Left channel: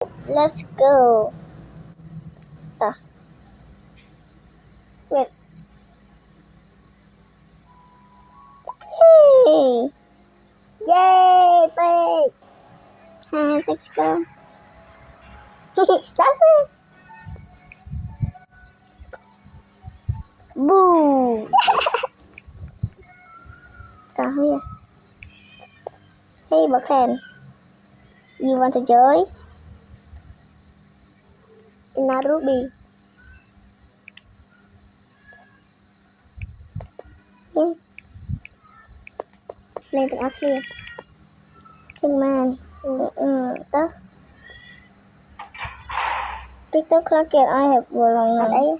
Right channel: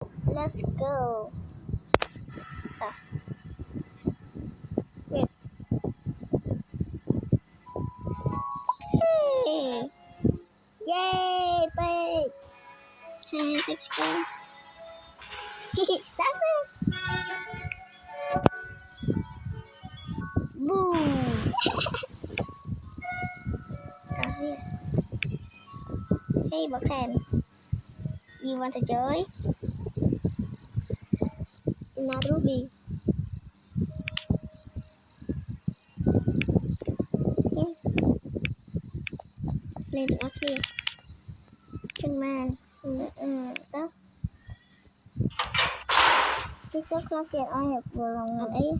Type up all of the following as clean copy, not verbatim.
Let's go. Ta. Wait. Hey. Yay, big. Let's go. That's it. Boom. Ta here. Hey, Buckhead. You want to join? Narubi. Lên được here. Chân man. Đó. TikTok clock it I have vừa lòng là đấy.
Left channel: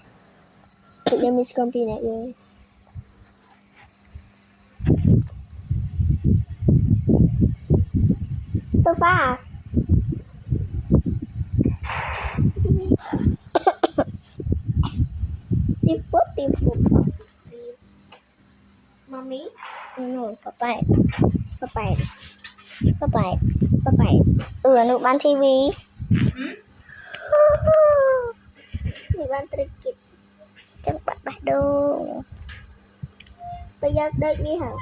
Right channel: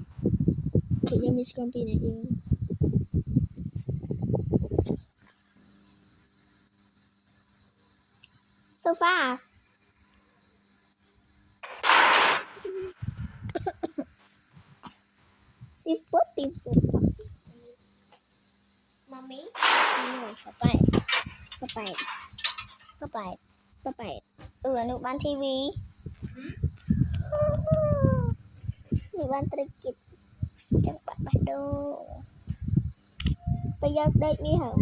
Tự nhiên Miss Comfy này rồi. So fast. Siput timpu. Mommy. Papai. Nụ bán TV. Nụ bán trikit. Chắc bạn bắt đâu. Bây giờ đợi đi hả?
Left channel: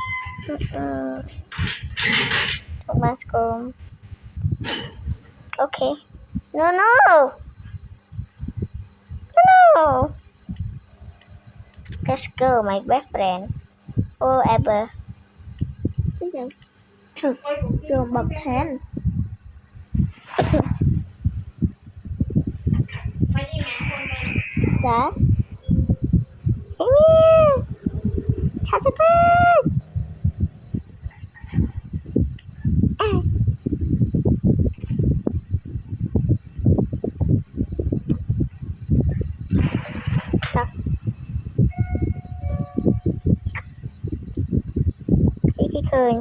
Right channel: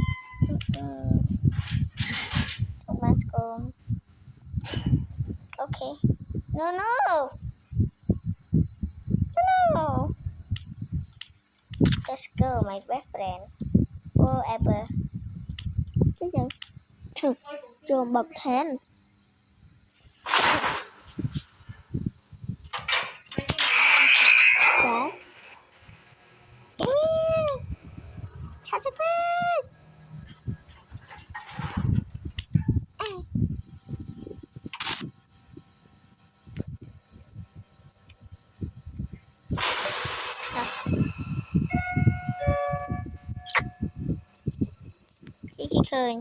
Trong bathroom. Okay. No. Let's go, my best friend. Forever. Chết rồi. Trường bậc thang. Dạ. Chào các bạn. Cái khơi.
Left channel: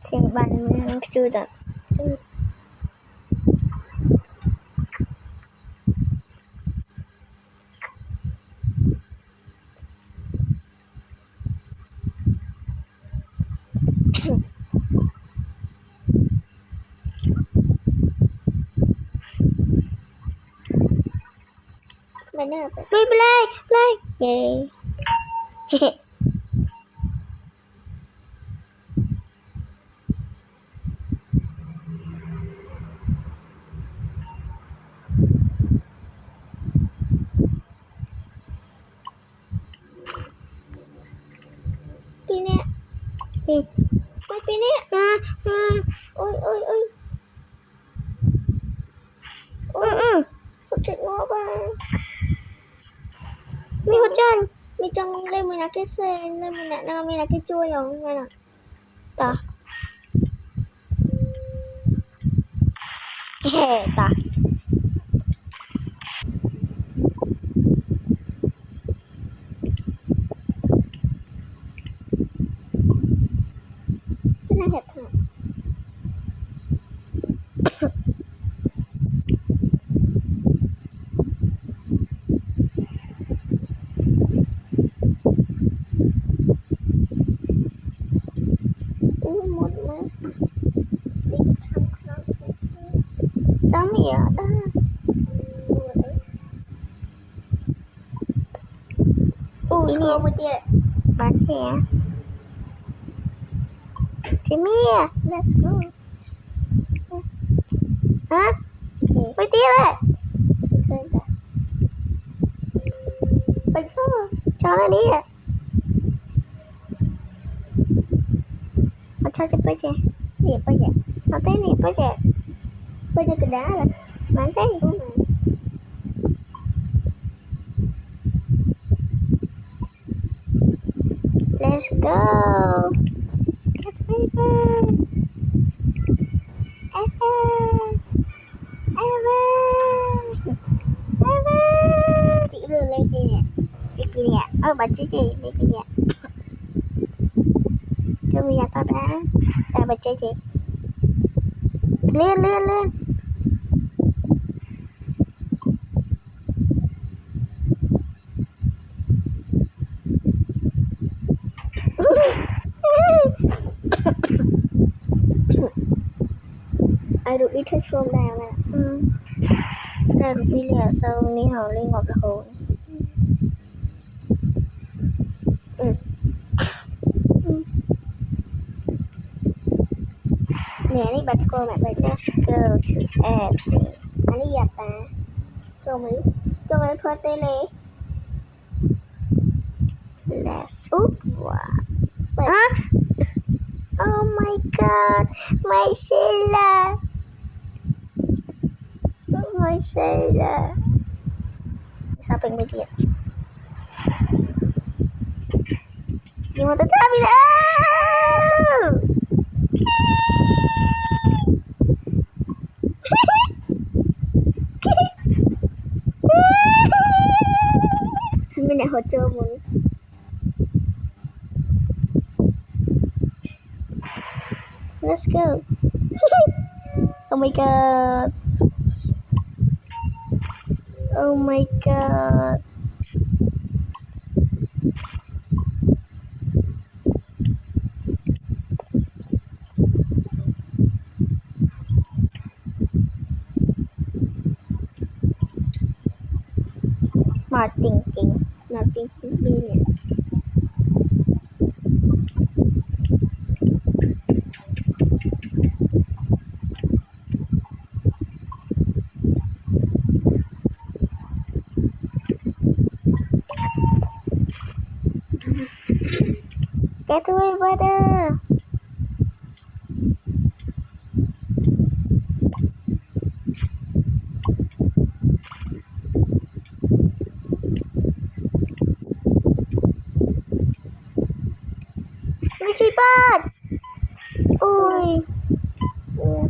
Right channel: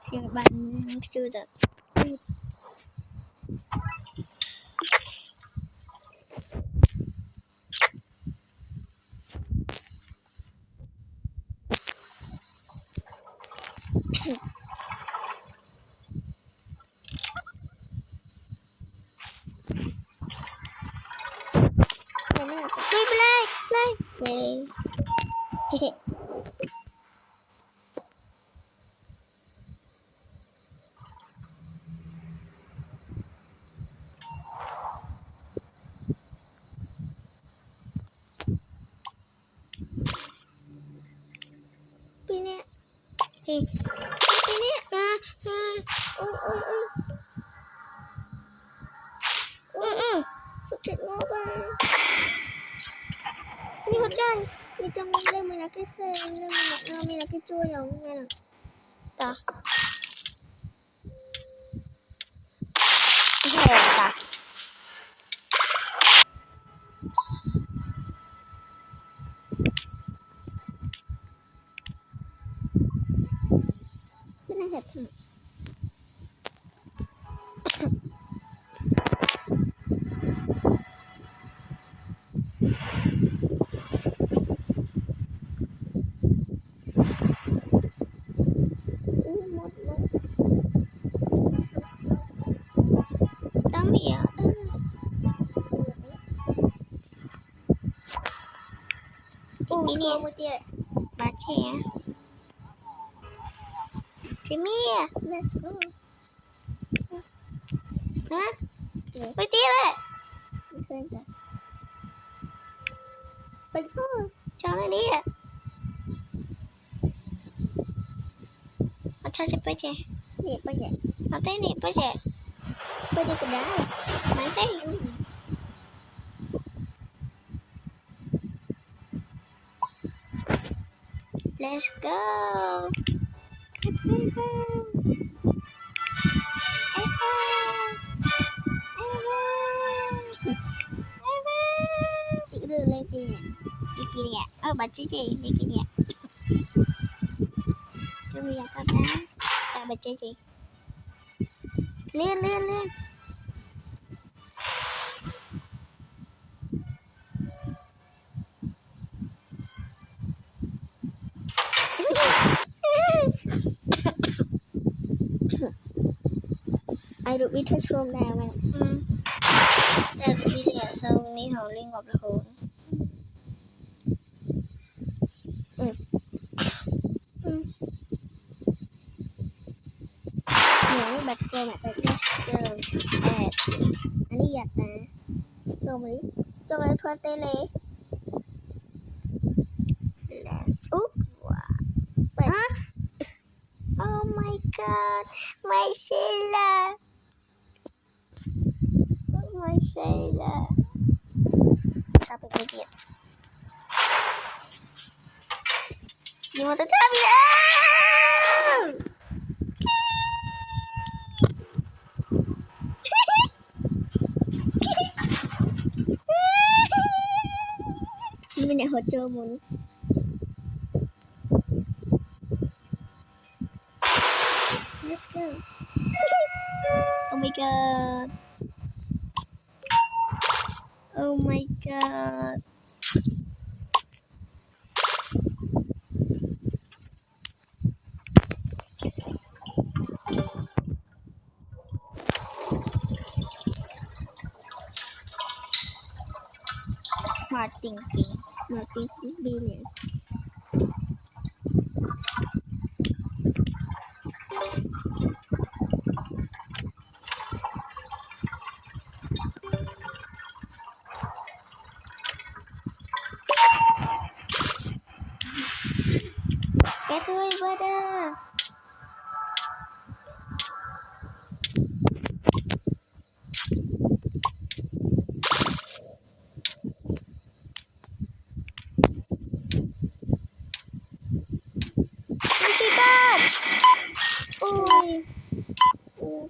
Xem bạn chưa đặt. Play. Yay. Ôi. Sắp chết ngó ba. Mi hỗ chân. Mi trong lên mình là cái xe, lên mình là cái chui rồi nghe nào. Ta. Ta. Cái này hẹp thôi. Tắm mẹ đó. Ini baca ya. Mia, let's go. Hah? Quay tiếp đấy. Cho nó đi ạ. Cho bây giờ. Nè bây giờ. Nó thấy nè bây giờ. Bây giờ cái đá rồi. Bán thấy. Let's go. Let's go. Chị đưa lên kia nè. Cái kia nè. Bà chị lên kia nè. Cho bây giờ tao đá. Bà chơi chị. Lên. ai được đi thích hôm nào mà ta được đi nhà sau đi họ liên ngọc là hồn nhà đi bật cô mẹ bật go to add anh đi gặp ta cho mấy phơi tele let's wow oh my god my Sheila my Sheila shopping media you want to tell me xin mình lại hỗ trợ muốn let's go oh my god oh my god Martin King nè cái tươi bơ đơ chị bát ui lên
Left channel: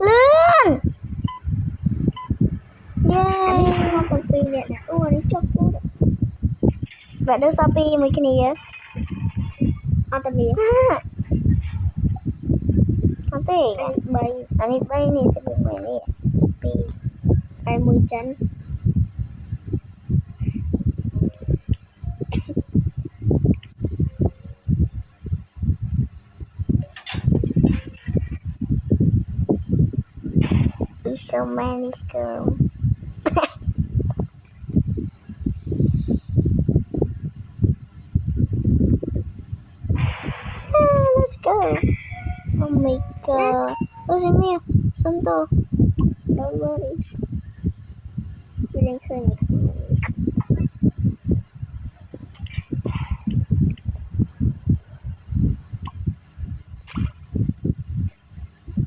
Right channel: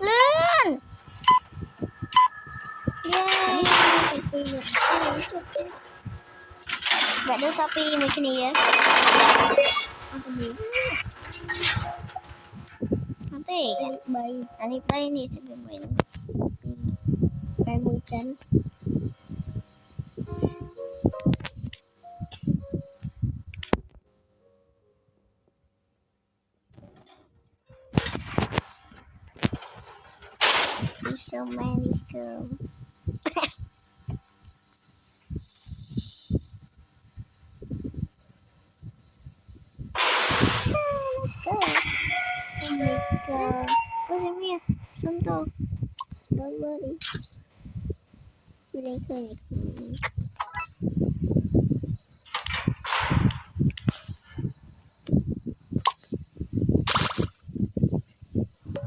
lên yay vậy đó Shopee mấy cái này tầm gì bay anh bay này sẽ bị mày nè bay mùi chân so many girls let's go oh my god what's in here Santo don't worry we lên khơi này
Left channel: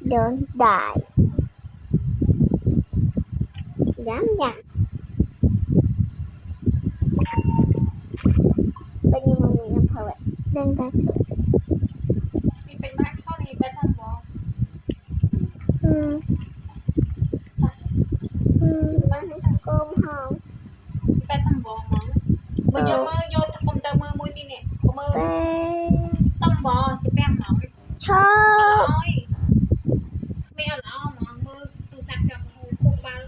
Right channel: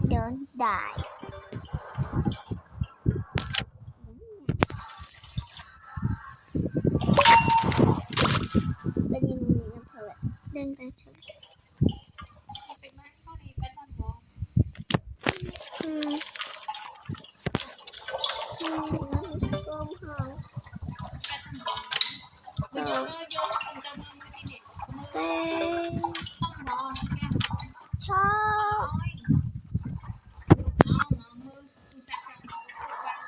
don't die dám nhặt bao nhiêu mọi người làm thầu ạ đang ta chờเป็นบ้านเข้าในบ้านทำบอ nó sẽ có không บ้านทำบอมือโยนคอมเตอร์มือมุ้ยนี่เนี่ยมือ tê ต้องบอจะแป้งหน่อย chóp น้อยไม่เอาเอาหมอมือตูสับกับคูคูบ้าง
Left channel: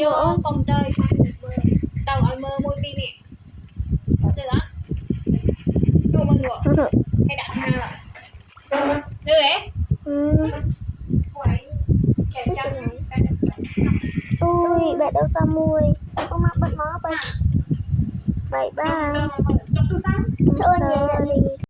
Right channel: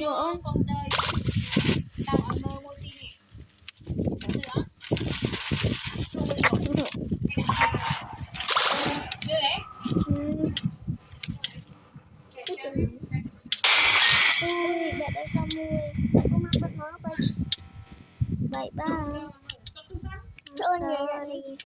โยนคอมเตอร์เตาเอามือมุ้ยนี่เนี่ยเหลือตัวมันหัวให้ดักมาเหรอเหลือui bạn đâu sao mui không mặc bật nó vậy vậy ba trong túi sách ơn vậy là gì